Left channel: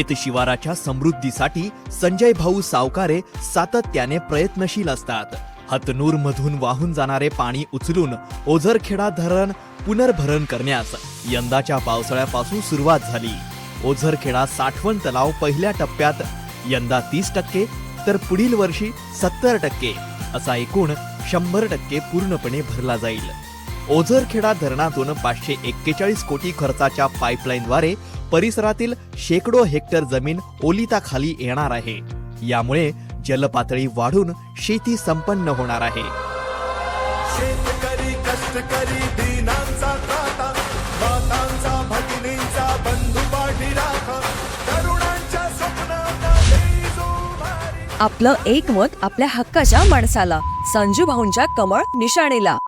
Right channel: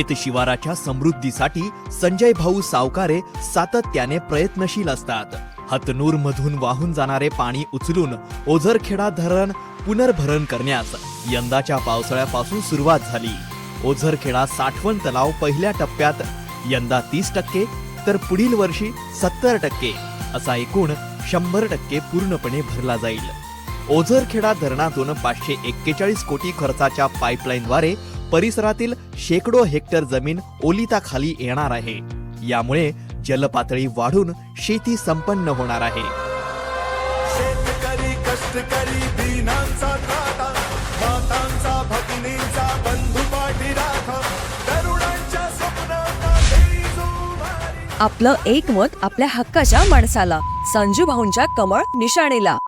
शेत शिवाराच्या समृद्धीसाठी संजय भाऊ सावकारे सातत्याने प्रयत्नशील असतात. हतनूर मधून वाहून जाणारे पाणी उचलून ओझरखेडा धरण पुनर्भरण करण्यास यंदाच्या पावसाळ्यापासून सुरुवात झाली. ओझरखेडा साठवण तलाव पहिल्या टप्प्यात यंदा 30%, तर पुढील वर्षी 70%, असा एकूण 100% पूर्णपणे भरला जाईल. ओझरखेडा धरणातून 541 कोटी खर्चाच्या पाईपलाईनद्वारे परिसरातील शेकडो हेक्टर जमीन ओलिताखाली येणार आहे. यामुळे जलपातळी वाढून शेती संपन्न होणार आहे. शेतकरी कष्टकरी दीनांचा त्राता, मातांचा भगिनींचा बंधू पाठी राखा, तरुणांच्या स्वप्नांना देई जुवारी. आपलं एक मत आपल्या हक्काच्या माणसाला. संजू भाऊंच्या कमळ निशाणीला.